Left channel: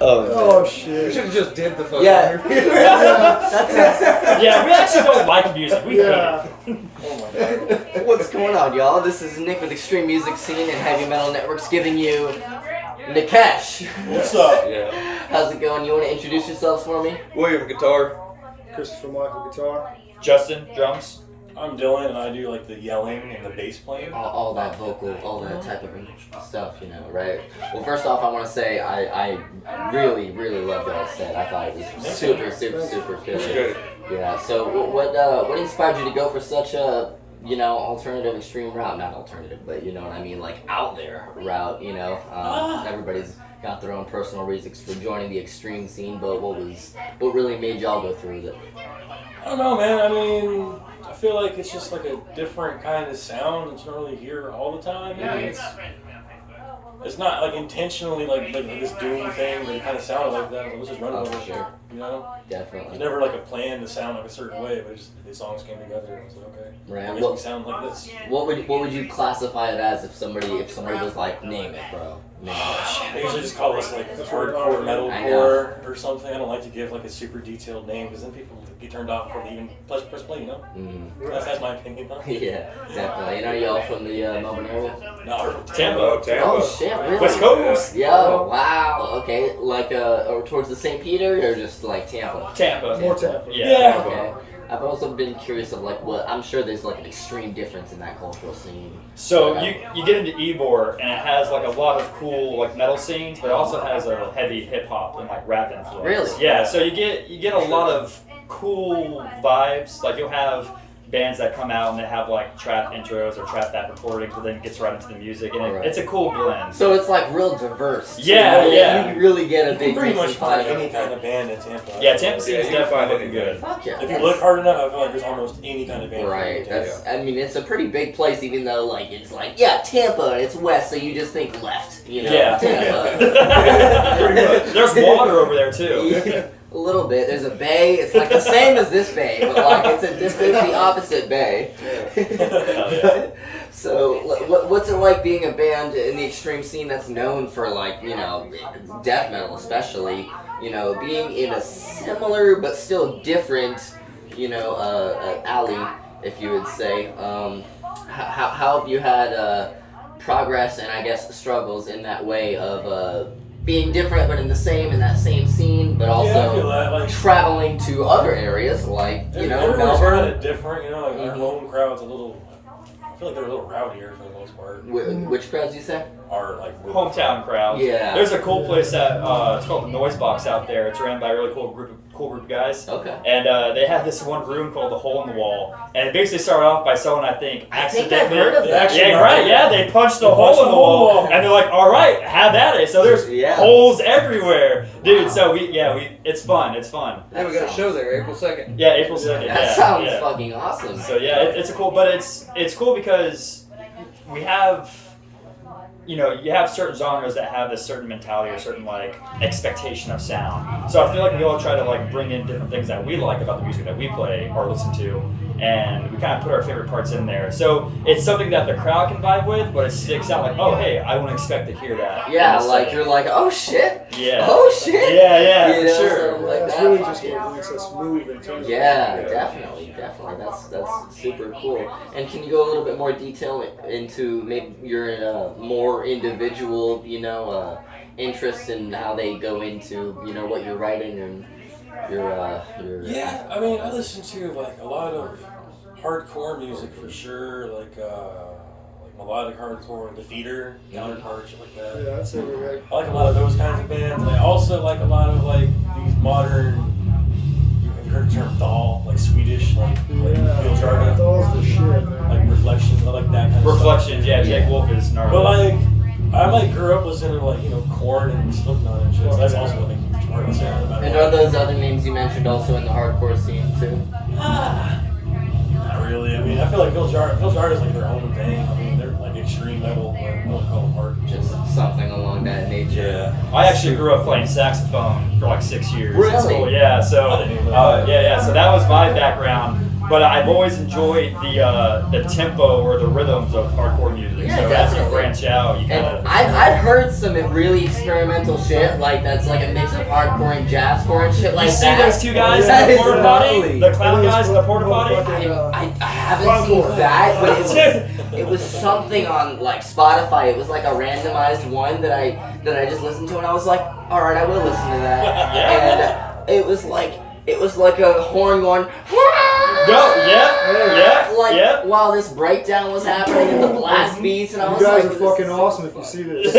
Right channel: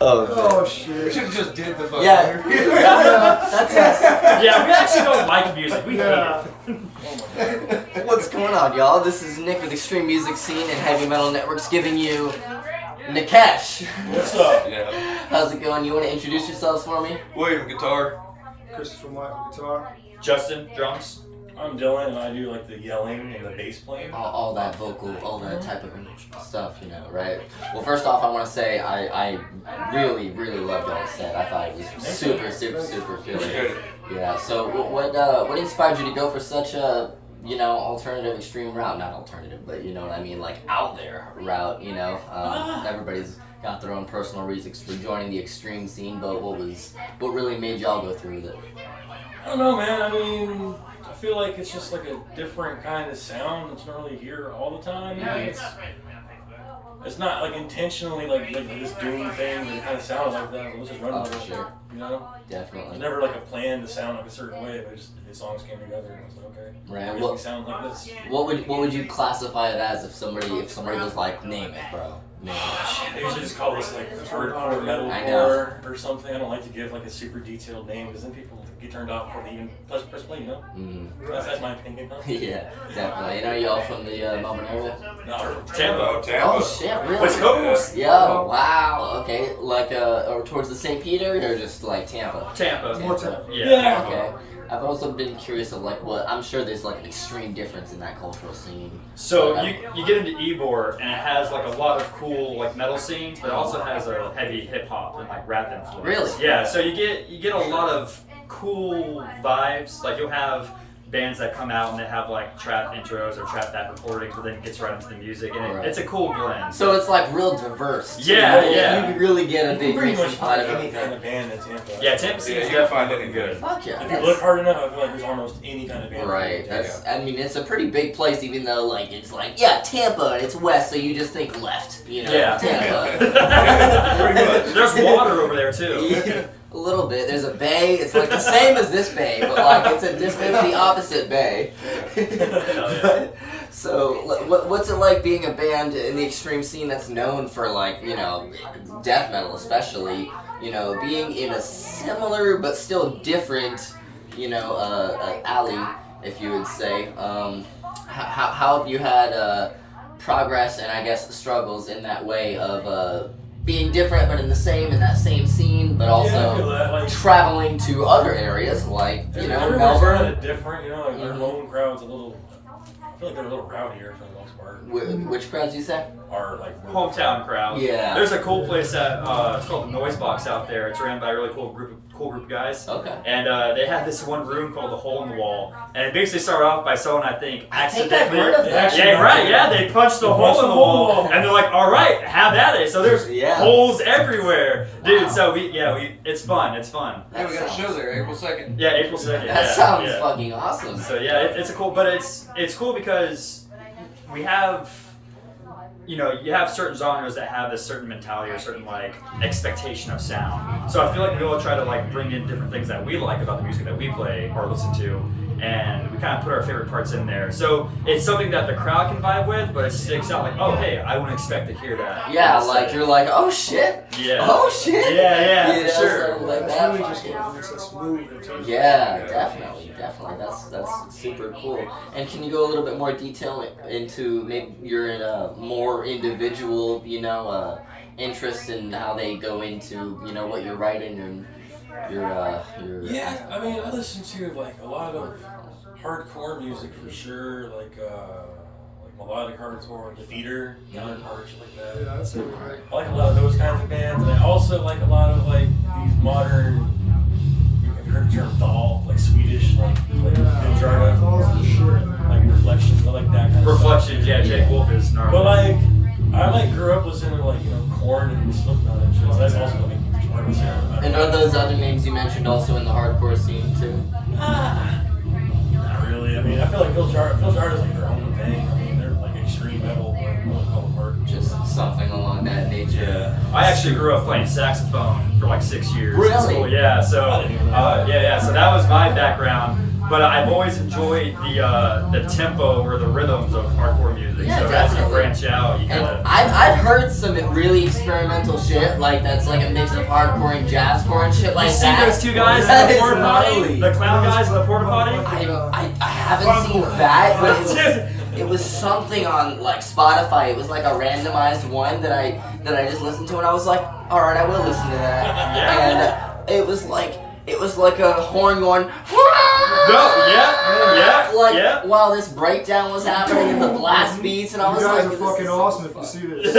Oh shit. We should have just did the fucking interview. Yeah, we actually don't like music. We hate it. What's going on, y'all? This is Nick with Extreme Music Scene and Heavy Metal Networks giving you Nacesh. What's up? Yeah. How's it going? You want to introduce yourselves for me? William, guitar. Christopher Michael, guitar. Justin, drums. I'm Dylan, and I do like the yelling and the bass playing. All that vocal, all that type of stuff, you know, right? Well, first off, I want to say I really, really loved y'all's set. I thought it was super killer. Yeah. So what inspired you to go for such a alternative extreme route? Not alternative, but you know what I mean, like out there route. You know, everybody's got their own personal reasons for joining the extreme scene, but what really made y'all go through with it? I don't know, man. I mean, I feel like it's just like a different kind of sound that you don't really hear all the time. It's not like intentionally like this doom thing that kind of sounded like that. It was just running over sure. You know? Definitely. It's never like a plan to sound like a certain way, but the songs came together and I was like, okay. Right. It makes me sound like this. What would you classify it as if somebody was like, name it, bro? They usually just call us like hardcore metalcore or something. I don't like to give like a super detailed name because then people get turned off before they even press play, you know? Mm-hmm. That's my opinion. Yeah, definitely. You know, y'all from the Melbourne area? No, Tampa. Oh shit, really? West Coast. Yo, wow. Okay, like or towards the St. Peter or just like Tampa? Tampa. More Tampa. Yeah. Okay. I've also been curious of like what I'm sure there's like an extreme difference in that cultural scene. So you get into Ybor and it has like a lot of cool like metal scenes, but it also has a heavy hip hop and like rap influence. Really? Yeah. So you get a lot of cool vibes. Like you'll have bands that come out and they have like trap intros or trap back recordings, but then it gets right into the music, and it's a cool blend. So it's like real diverse. Yeah, You really get a you big can pretty mix much of find fun. any kind of band in Tampa. Yeah, Tampa scene's definitely looking good. Fuck yeah. If you look hard enough, I feel like there's almost any kind of band. Right. I mean, it's a pretty big place, even though like it's like Tampa and it's west, so you just think left. You know, Yeah. Tampa. Pretty much. There's water over there too. A little bit. There's a bay. It's like the same as this bay, but like it's the opposite bay. So, what's it like being a band in the extreme scene that's known for like death metal, especially being in a similar but still different alley, if you would say. How have you had progress and I guess struggles in that way of being different but in that same scene, but also traveling to other areas like everyone's Melbourne. kind of different, like our home crowd's a little. I feel like they're a little rowdier for the most part. Which crowds you say? Our like Hometown crowd. Yeah. There's a cool place that it's called the Noise Box out there. It's ran by a really cool group of guys. Okay. And they had this one room called the Hole in the Wall, and it basically started off by someone I think I've accidentally. heard of that. Yeah, right. Yeah, they punched the hole in the wall, and they're like, "All right, have at it." So there's holes everywhere, dude. So it's fun. It's fun. Hey, we got a show there, April 2nd. Yeah, April 2nd. That sounds fucking awesome. So yeah, it's a cool, but it's cool because we have. You have certain genres that have this certain mentality or certain like expectation of sound. So I feel like we all try to like bring in different things that we like about the music that we play or listen to, and we kind of put our favorite parts in there. So it's something that the crowd can vibe with, but it sticks out like, oh hey, I wouldn't expect to hear that. Yeah, like you're like, oh shit. Yeah. Oh shit. Yeah, for sure. Like It's that. really just what makes us move in terms Yeah, definitely. That's super cool. And can you go a little bit more detail into maybe your more individual, interests in how they go into, what you're writing and your Yeah, I mean, I listen to like a lot of hardcore music for sure, like melodic hardcore, Defeater, counterparts, like that. Yeah, I'd say we like. I like a lot of those kinds of bands, and I also like a lot of like these modern. You've heard the term Thal, like Swedish, like Bill Jordan, Thall's the shit, man. like Reflection, I like that kind of Reflections, stuff. yeah, Jake Wolf is gnarly. But like, I like grew up listening to like Korn and Slipknot and shit. So that's also a big part of the sound. And are those other names you mentioned also in the hardcore scene too? Not really. I mean, I feel like Phil Jard is like their own thing. I mean, they're like extreme metal. I wouldn't call them hard. Just something along that nature. Yeah. I actually grew up playing saxophone for like 6 years. Really? In school. Yeah. So I didn't even know that. So that was my background. but I've always enjoyed the tempo or the rhythms of hardcore music. Yeah, so as you definitely. branch out, you kind And of. I've heard some really experimental shit, like that's like a mix of hardcore and jazzcore and shit like You see that. those two guys That in the is porta potty? gnarly. The clown guys in the porta potty? I haven't seen that, but it was something on like Spotify. It was like a randomized one that I just listened to, and I was like, all right, I will listen to that. And it was like a horn going. Like while this breakdown was happening and the blast beats, and I was You guys like, are fucking awesome if you see this.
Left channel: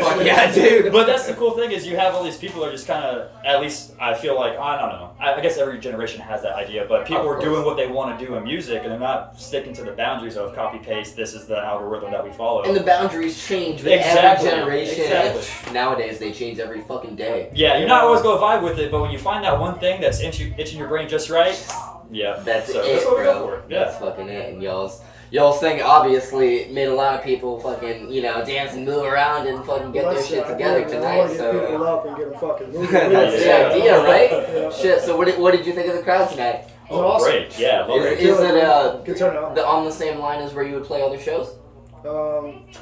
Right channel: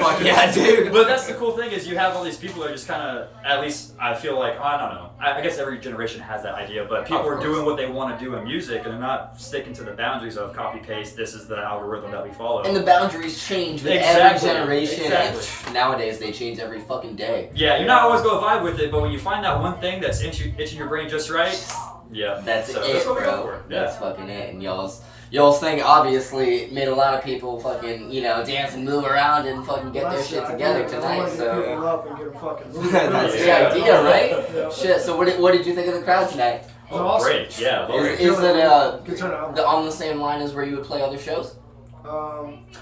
Fuck yeah, dude. But that's the cool thing is you have all these people that are just kind of, at least I feel like, I don't know. I guess every generation has that idea, but people are doing what they want to do in music and they're not sticking to the boundaries of copy paste. This is the algorithm that we follow. And the boundaries change with every generation. And nowadays they change every fucking day. Yeah, you're not always going to vibe with it, but when you find that one thing that's itching your brain just right, yeah, that's so it, that's what we go bro. for. Yeah. That's fucking it. And y'all's thing obviously made a lot of people fucking dance and move around and fucking get their shit together I tonight. want to get So people up and get them fucking moving. that's Yeah. the idea, right? Yeah. Shit. So what did you think of the crowd tonight? It was awesome. Great, yeah. Is it Good turnout. on the same line as where you would play other shows?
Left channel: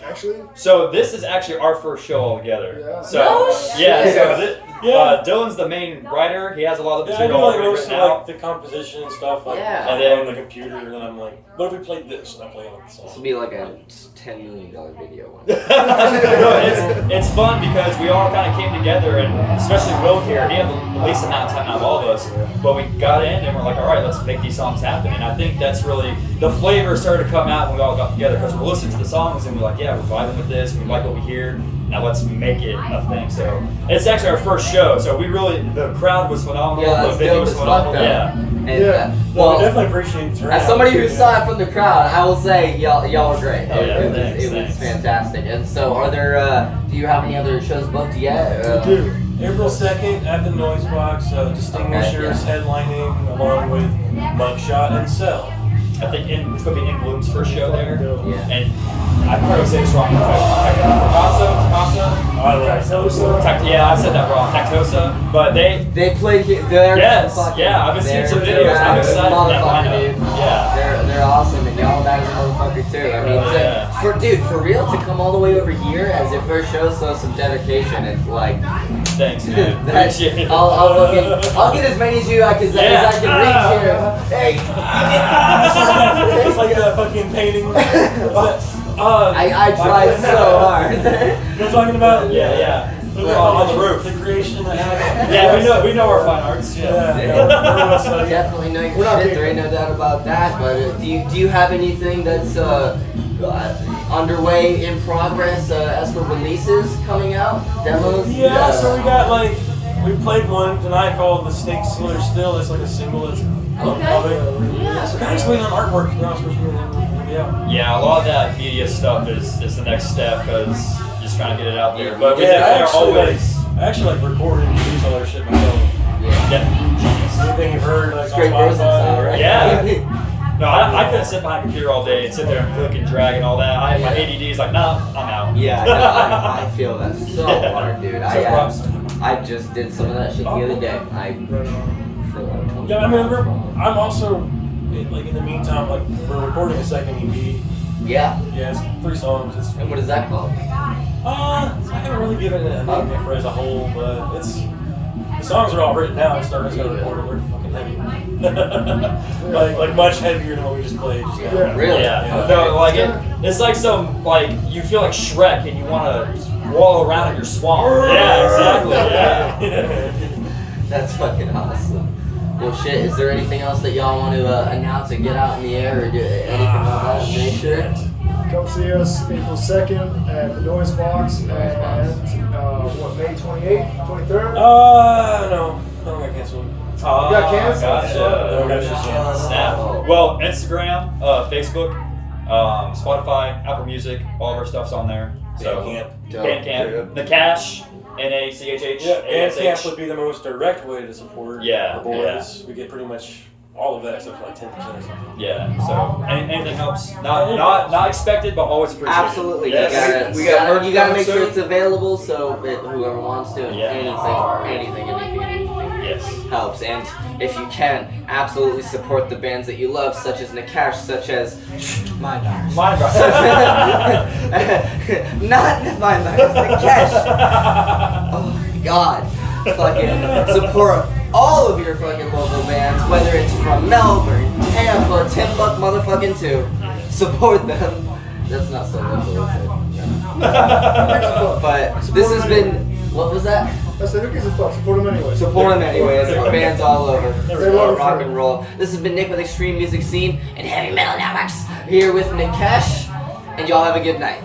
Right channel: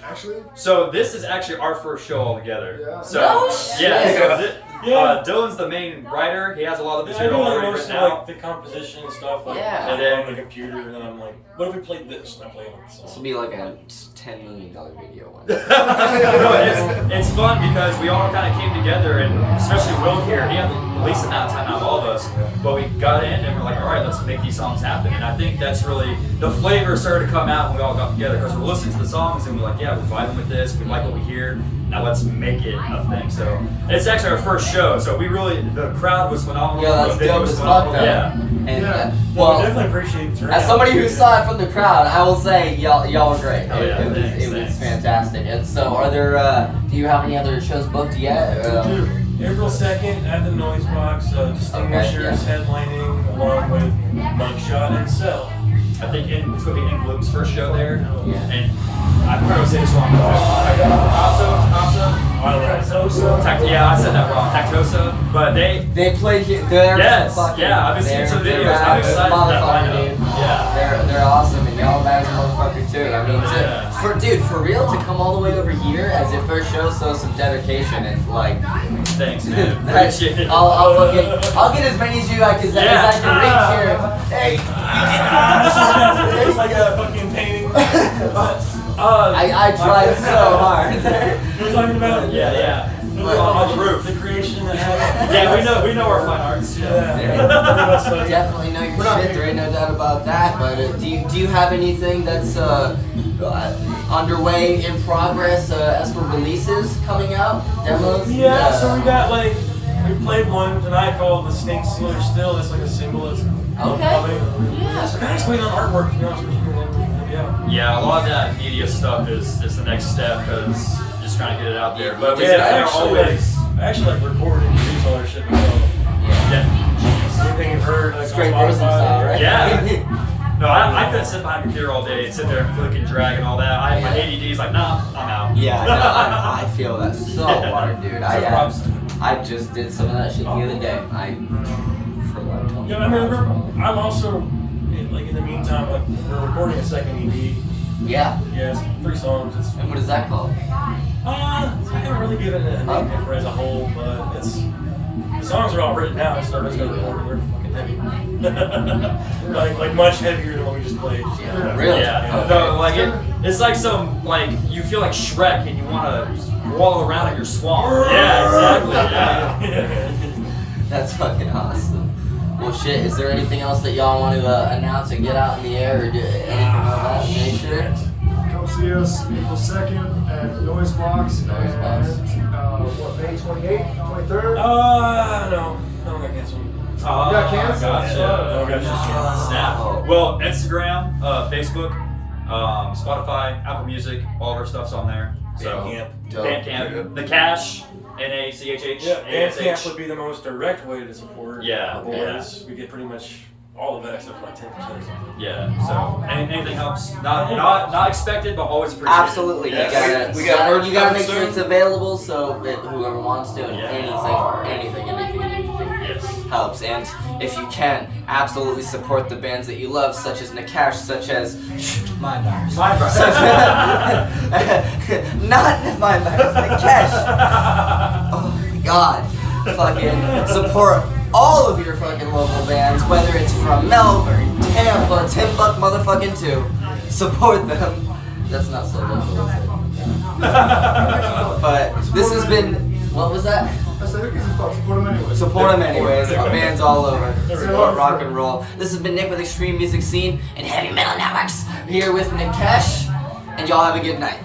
Actually, So this is actually our first show all together. Yeah. So No yeah, shit. so Yeah. Dylan's the main writer. He has a lot of the Yeah, I do material like already most of written out. like the composition and stuff, like Yeah. And then- on the computer, and then I'm like, what if we played this? And I play with This the will song. be like a $10 million video one. No, it's fun because we all kind of came together, and especially Will here, he had the least amount of time out of all of us. But we got in and we're like, all right, let's make these songs happen. And I think that's really the flavor started to come out when we all got together because we're listening to the songs and we're like, yeah, we're vibing with this. We like what we hear. Now let's make it a thing. So it's actually our first show. So the crowd was phenomenal. Yeah, that's the video dope was as fuck, phenomenal. though. Yeah. And, Yeah. No, I well, definitely appreciate the turnout. as somebody who saw it from the crowd, I will say y'all were great. Oh, yeah, it was thanks. fantastic. And so, are there? Do you have any other shows booked yet? we do. April 2nd at the Noise Box, Distinguishers headlining along with Mugshot and Cell. I think it's going to be In Bloom's first show there. Yeah. And I'm probably saying this wrong. Yeah, I said that wrong. Tactosa. But they played here. They're Yes, fucking, yeah, I've been seeing some they're videos. I'm excited for that motherfucker, lineup. dude. Yeah. They're awesome, and all that is a motherfucker too. I mean, Yeah. for real to come all the way over here as your first show, so some dedication. It's like, Thanks, man. Appreciate it. I'll get as many as you as I can reach here. Hey, It's like a fucking painting. I tried so hard. You're talking about Yeah. On the roof. the creation that happened. Yeah, we know our fine arts. Yeah. Definitely know We're your not shit. There taking- ain't no doubt about that. But do you have anything that's underway in progress as for releases coming out, demos? Yeah, so we got we played one tonight called The Snake Slither Still. It's like a single that's Okay. Yeah. So kind of waiting on artwork, to be honest with you. Yeah. Yeah, a lot of that media stuff is the next step because just trying to get it out there. But we Yeah, definitely are actually, always. I actually record and produce all their shit myself. Yeah. Everything you've heard, on Straight person Spotify. style, right? Yeah. No, I couldn't sit behind a computer all day and sit there and click and drag and all that. My ADD is like, nah, I'm out. Yeah, no, I feel that so Yeah. hard, dude. I just did some of that shit the other day. For like 20 Yeah, I mean, I'm also, in the meantime, we're recording a second EP. Yeah? Yeah, it's 3 songs. It's And what is that called? I haven't really given it a name yet for as a whole, but the songs are all written now. It's not recording. We're fucking heavy. like much heavier than what we just played. Just now. Really? Yeah. No, it's like you feel like Shrek and you want to wallow around in your swamp. Yeah, exactly. Yeah. That's fucking awesome. Well, shit, is there anything else that y'all want to announce or get out in the air or do anything like that? Make sure. Come see us April 2nd at the Noise Box and May 28th, 23rd? No, I got canceled. You got canceled? Gotcha. Snap. Well, Instagram, Facebook, Spotify, Apple Music, all of our stuff's on there. So Bandcamp, the Cash, NACHH. Yeah, Bandcamp would be the most direct way to support the boys. We get pretty much all of that except for like 10% or something. Yeah. So anything helps. Not expected, but always appreciated. Absolutely. Yes. You gotta make sure it's available so that whoever wants to and anything. Yes. helps. And if you can, absolutely support the bands that you love, such as Nacesh, such as Mind Bars. Mind Bars. Not Mind Bars, Nacesh. Oh my god. Fucking support all of your fucking local bands, whether it's from Melbourne, Tampa, Timbuk motherfucking 2. Support them. That's not so local, is it? But this has been, what was that? I said, who gives a fuck? Support them anyway. Support them anyways. Our band's all over. They're Support wonderful. rock and roll. This has been Nick with Extreme Music Scene and Heavy Metal Networks here with Nacesh, and y'all have a good night.